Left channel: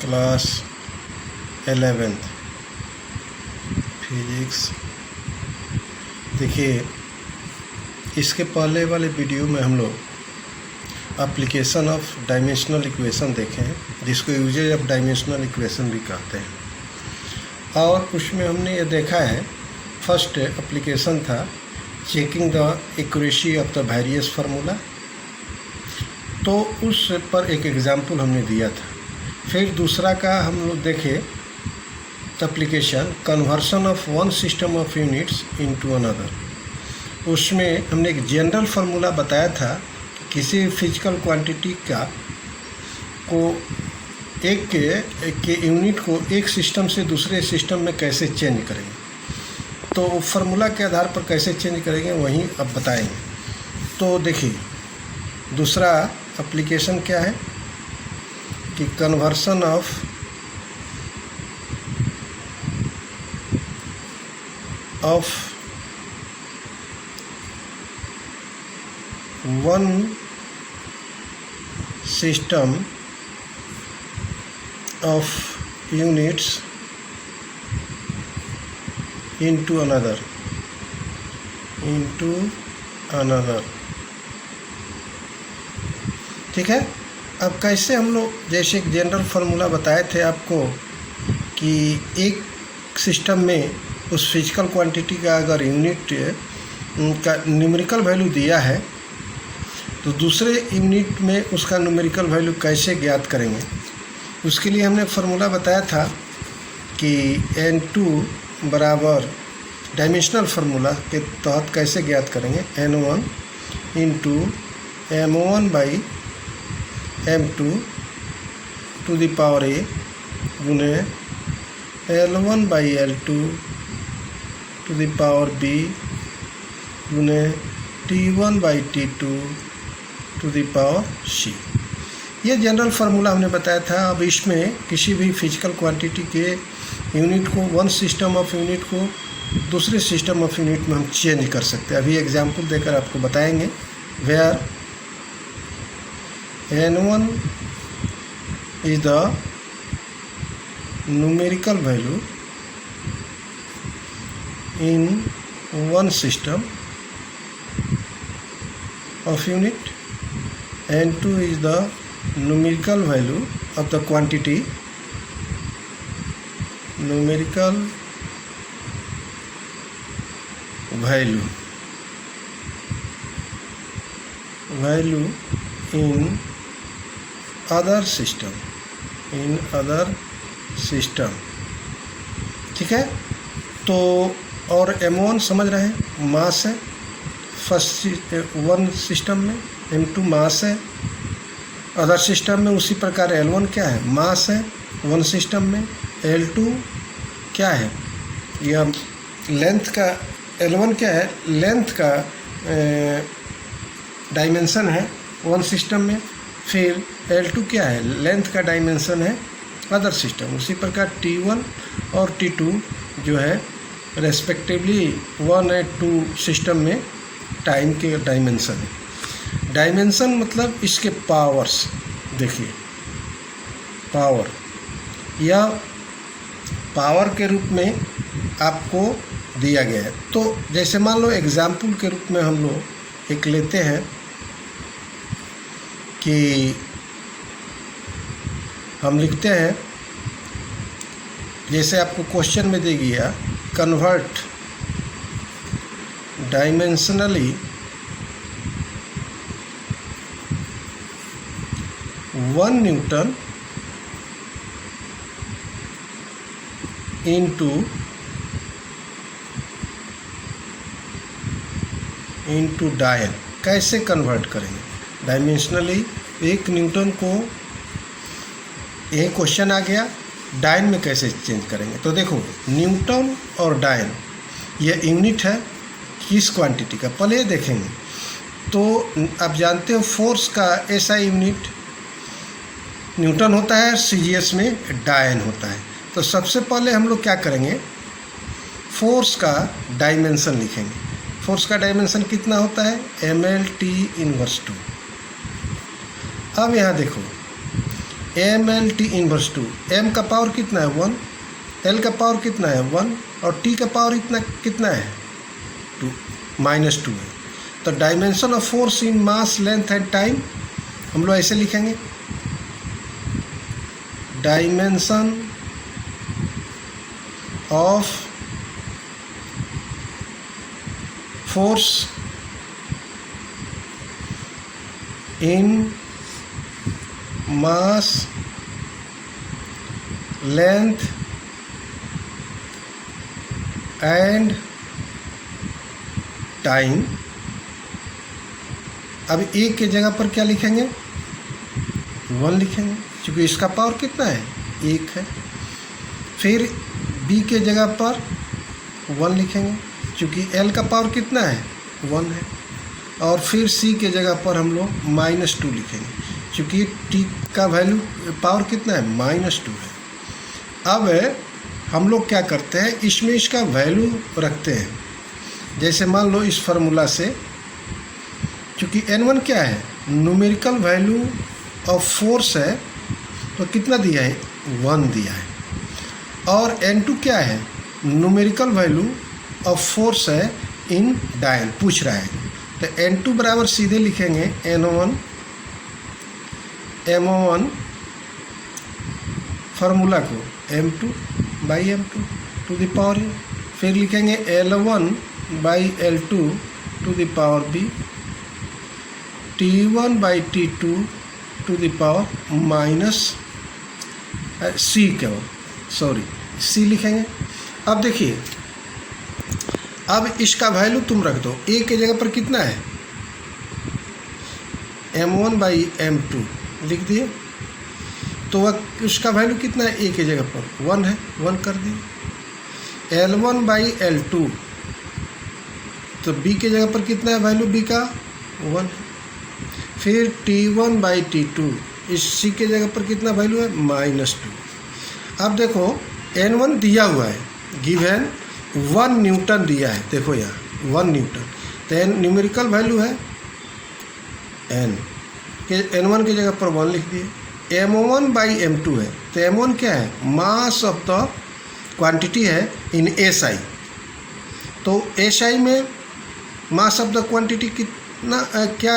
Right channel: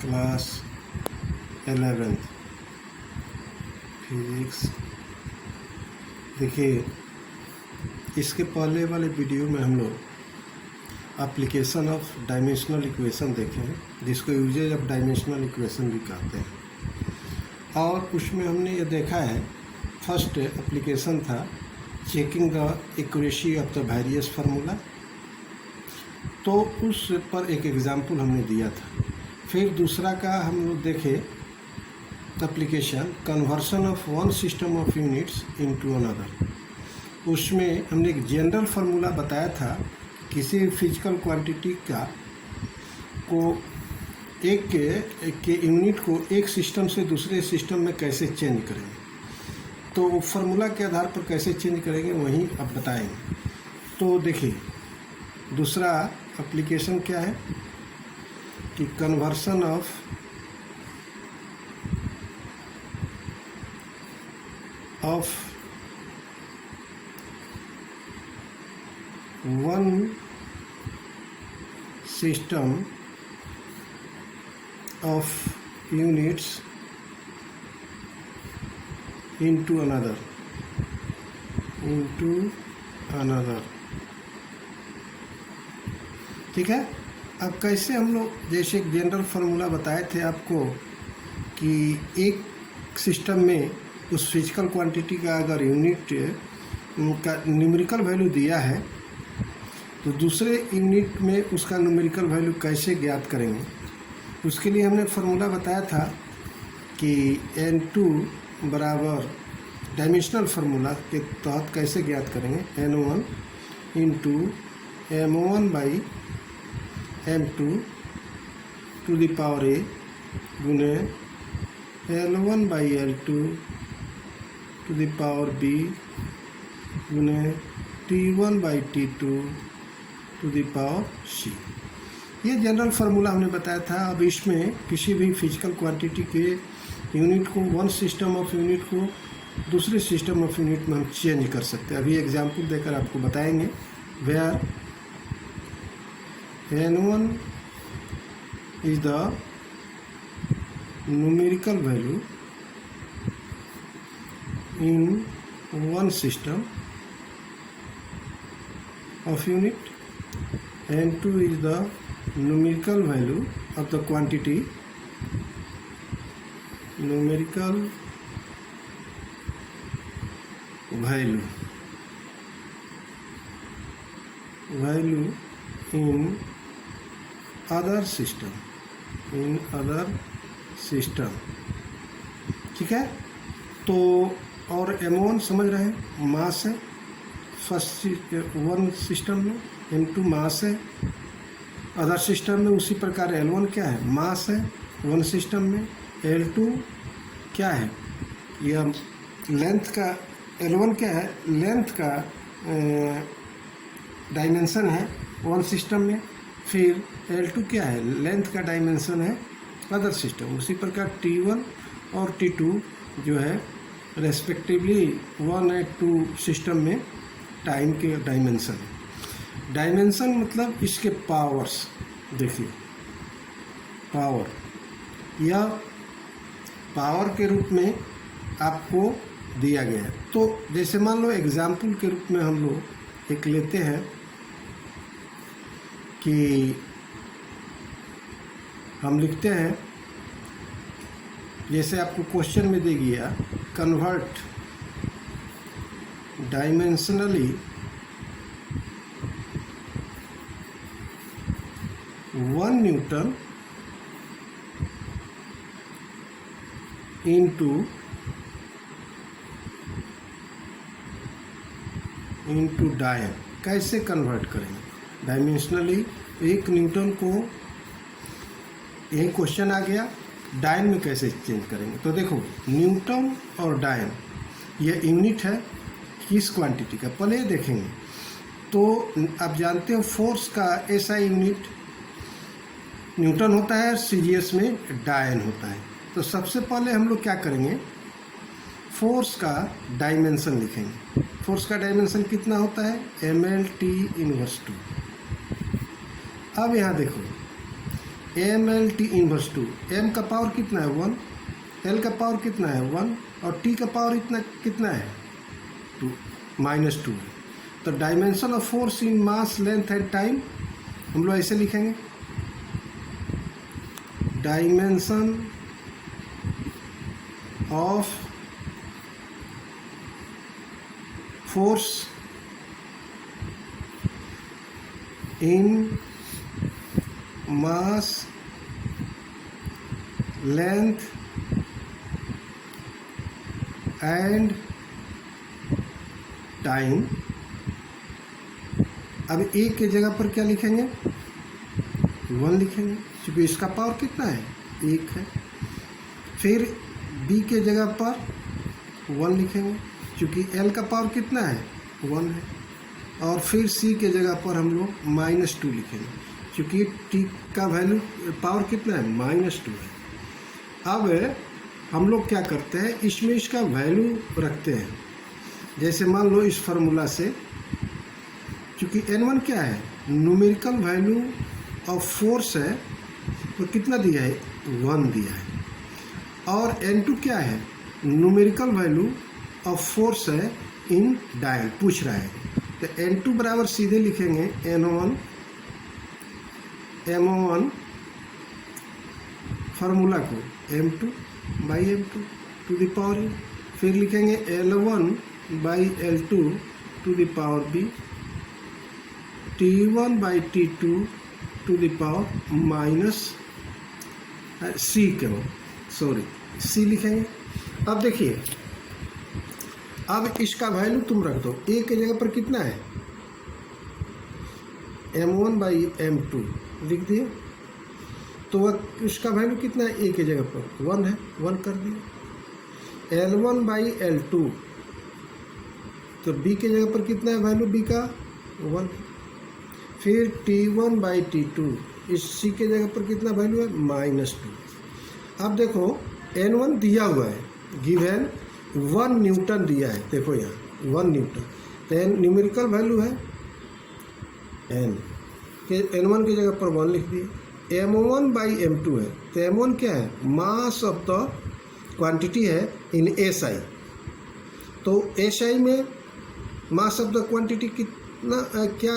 Class 11th physics. देखिए, इसके पहले वाले वीडियो में हम लोग एप्लीकेशन ऑफ डायमेंशनल इक्वेशन देखे हैं, जिसको यूजेज ऑफ डायमेंशनल इक्वेशन भी कहते हैं। और उसमें हमने ये देखा है, फर्स्ट एप्लीकेशन था checking the accuracy of the various formula, तो उस पर एक एग्जाम्पल हमने दिया था। फिर दूसरा का हम लोग देखे application conversion of one system of units into another. उसमें हमने एक जनरल फार्मूला बताया था कि किसी फिजिकल क्वांटिटी का को एक के यूनिट को एक सिस्टम से दूसरे सिस्टम में कैसे चेंज करेंगे, तो फार्मूला के आधार पर कैसे चेंज करेंगे वहीं अब बताएंगे। तो देखिए, दूसरा एप्लीकेशन क्या है कि conversion of one system of units into another ठीक है। अब कैसे हम लोग, जैसे एक जनरल फार्मूला बताए थे आपको कि एक सिस्टम में उस फिजिकल क्वांटिटी का अगर यूनिट का न्यूमेरिकल वैल्यू दिया है तो दूसरे यूनिट में उसका न्यूमेरिकल वैल्यू कैसे ज्ञात करेंगे। उसके लिए हमने फार्मूला बताया था कि n2 बराबर डायमेंशनल फार्मूला के तहत कैसे ज्ञात करेंगे, n1 into m1 by m2 to the power a गुने l1 by l2 to the power b गुने t1 by t2 to the power c। ये जनरल फार्मूला हमने बताया था। अब इसमें किसी भी फिजिकल क्वांटिटी के यूनिट को, वन सिस्टम ऑफ यूनिट को दूसरे सिस्टम ऑफ यूनिट में हम चेंज कर सकते हैं। अभी एग्जांपल देकर आपको बताएंगे। Where n1 is the numerical value in one system of unit, n2 is the numerical value of the quantity, numerical value in other system, ठीक है। तो और m1 समझ रहे हैं, मास है फर्स्ट वन सिस्टम में, m2 मास है अदर सिस्टम में। उसी प्रकार L1 क्या है, मास है वन सिस्टम में। L2 क्या है, यह लेंथ का, L1 क्या है, लेंथ का डायमेंशन है वन सिस्टम में। फिर L2 क्या है, लेंथ का डायमेंशन है अदर सिस्टम। उसी प्रकार T1 और T2 जो है रेस्पेक्टिवली 1 और 2 सिस्टम में टाइम के डायमेंशन है। डायमेंशन मतलब इसके पावर्स, देखिए पावर या पावर के रूप में आपको दिया गया है। तो जैसे मान लो एग्जाम्पल के रूप में हम लोग एक लेते हैं कि हम लिखते हैं, जैसे आपको क्वेश्चन में दे गया, कन्वर्ट डायमेंशनली 1 न्यूटन इंटू डायन। कैसे कन्वर्ट करेंगे डायमेंशनली 1 न्यूटन को, यही क्वेश्चन आ गया, डायन में कैसे चेंज करेंगे। तो देखो, न्यूटन और डायन ये यूनिट है किस क्वांटिटी का, पहले ये देखेंगे। तो आप जानते हो फोर्स का SI यूनिट न्यूटन होता है, CGS में डायन होता है। तो सबसे पहले हम लोग क्या करेंगे, फोर्स का डायमेंशन लिखेंगे। फोर्स का डायमेंशन कितना होता है, mL/T × 2। अब यहाँ देखो, mLT इनवर्स 2, m का पावर कितना है 1, l का पावर कितना है 1 और t का पावर इतना कितना है 2 -2 है। तो dimension of force in mass length and time हम लोग ऐसे लिखेंगे, dimension of force in mass length and time. अब ए के जगह पर क्या लिखेंगे 1 लिखेंगे, क्योंकि इसका पावर कितना है 1 है। फिर बी के जगह पर 1 लिखेंगे, क्योंकि एल का पावर कितना है 1 है। और फिर सी के जगह पर हम लोग -2 लिखेंगे, क्योंकि टी का वैल्यू पावर कितना है -2 है। अब हम लोग क्या करते हैं, इसमें इसका वैल्यू रखते हैं। जैसे मान लो इस फार्मूला से, क्योंकि n1 क्या है न्यूमेरिकल वैल्यू ऑफ फोर्स है, तो कितना दिया है 1 दिया है। और n2 क्या है न्यूमेरिकल वैल्यू ऑफ फोर्स है इन डायल पूछ रहा है। तो n2 बराबर सीधे लिखेंगे n1 m1 फार्मूला को m2/m2 to the power u। फिर लिखेंगे L1/L2 to the power b, T1/T2 to the power minus c लिखेंगे। अब देखिए, अब इसका वैल्यू तुम रख दो, a के जगह पर कितना है m1/m2 लिख दिए, तो वह उसका वैल्यू कितना है a के जगह पर 1 है, 1 कर दिए। L1/L2, तो b के जगह पर कितना है वैल्यू b का 1 है। फिर T1/T2, इस c के जगह पर कितना वैल्यू है -2। अब देखो n1 दिया हुआ है, गिवन 1 न्यूटन दिया है, देखो यहाँ 1 न्यूटन, तो न्यूमेरिकल वैल्यू है n के, n1 की जगह पर 1 लिख दिए। m1/m2 है, तो m1 क्या है मास ऑफ द क्वांटिटी है इन SI। तो SI में मास ऑफ द क्वांटिटी कितना क्या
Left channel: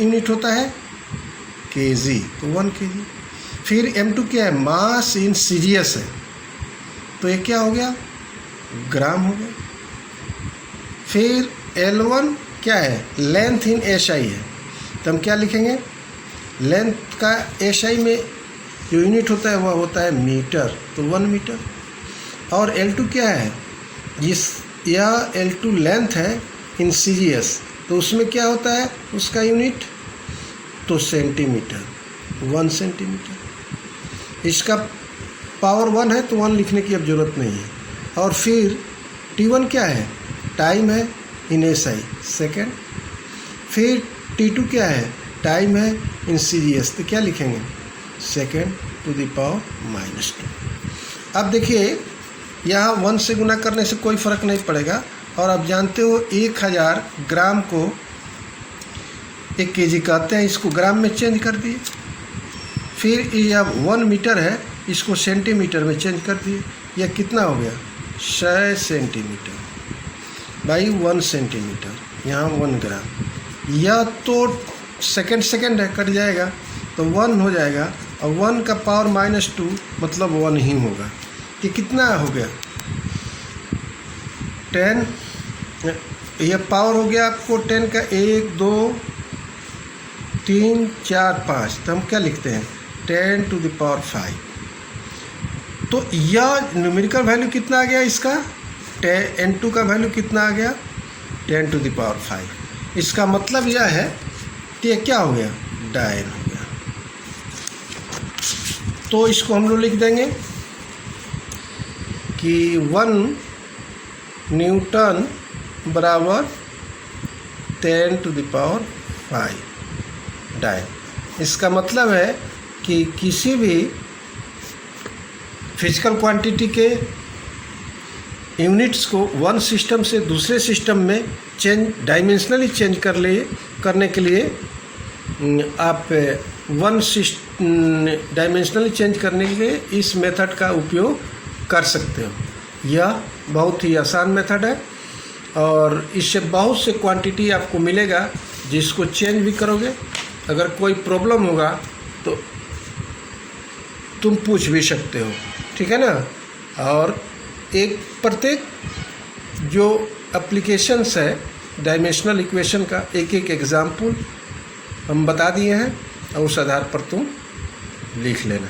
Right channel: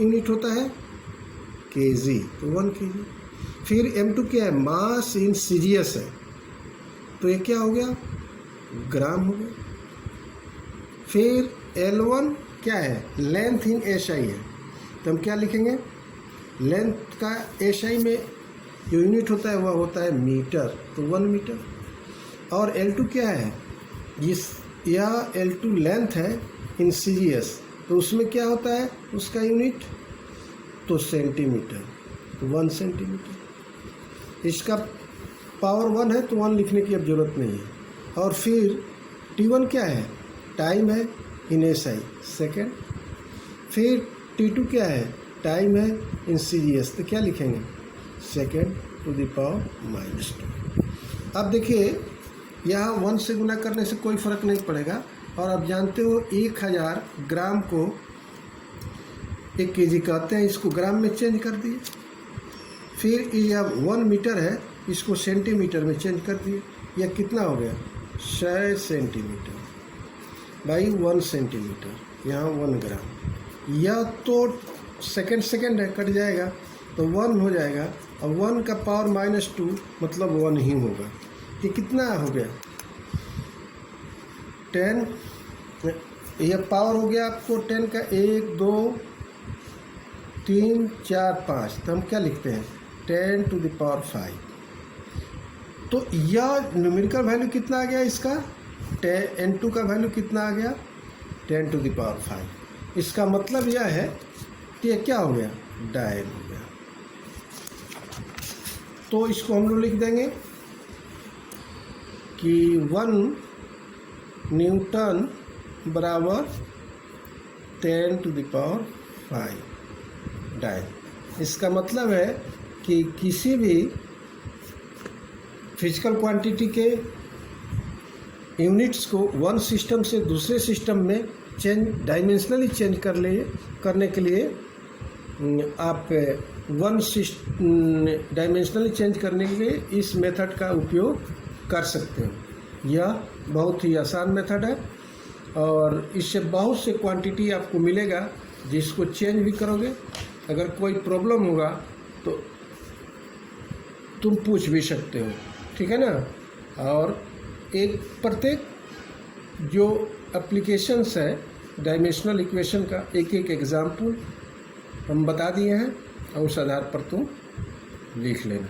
यूनिट होता है kg, तो 1 kg। फिर m2 क्या है मास इन CGS है, तो ये क्या हो गया ग्राम हो गया। फिर L1 क्या है लेंथ इन SI है, तो हम क्या लिखेंगे लेंथ का SI में जो यूनिट होता है वह होता है मीटर, तो 1 मीटर। और L2 क्या है, यह L2 लेंथ है इन CGS, तो उसमें क्या होता है उसका यूनिट, तो सेंटीमीटर, 1 सेंटीमीटर। इसका पावर 1 है, तो 1 लिखने की अब ज़रूरत नहीं है। और फिर T1 क्या है टाइम है इन SI सेकेंड। फिर T2 क्या है टाइम है इन CGS, तो क्या लिखेंगे सेकेंड टू द पावर -2। अब देखिए यहाँ 1 से गुना करने से कोई फ़र्क नहीं पड़ेगा। और आप जानते हो 1000 ग्राम को 1 kg कहते हैं, इसको ग्राम में चेंज कर दिए। फिर यह 1 मीटर है, इसको सेंटीमीटर में चेंज कर दिए। यह कितना हो गया 100 सेंटीमीटर बाई 1 सेंटीमीटर, यहाँ 1 ग्राम। यह तो सेकंड है, कट जाएगा तो 1 हो जाएगा, और 1 का पावर -2 मतलब 1 ही होगा। ये कितना हो गया 10, यह पावर हो गया आपको 10 का 1 2 3 4 5, तो हम क्या लिखते हैं 10 टू द पावर 5। तो यह न्यूमेरिकल वैल्यू कितना आ गया इसका, n2 का वैल्यू कितना आ गया 10 टू द पावर 5। इसका मतलब यह है कि ये क्या हो गया डायल हो गया। तो इसको हम लोग लिख देंगे कि 1 न्यूटन बराबर 10 टू द पावर 5 डायल। इसका मतलब है कि किसी भी फिजिकल क्वांटिटी के यूनिट्स को वन सिस्टम से दूसरे सिस्टम में डायमेंशनली चेंज करने के लिए आप वन डायमेंशनली चेंज करने के लिए इस मेथड का उपयोग कर सकते हो। यह बहुत ही आसान मेथड है और इससे बहुत से क्वांटिटी आपको मिलेगा जिसको चेंज भी करोगे। अगर कोई प्रॉब्लम होगा तो तुम पूछ भी सकते हो, ठीक है ना। और एक प्रत्येक जो एप्लीकेशंस है डायमेंशनल इक्वेशन का एक एक एग्जाम्पल हम बता दिए हैं और उस आधार पर तुम लिख लेना।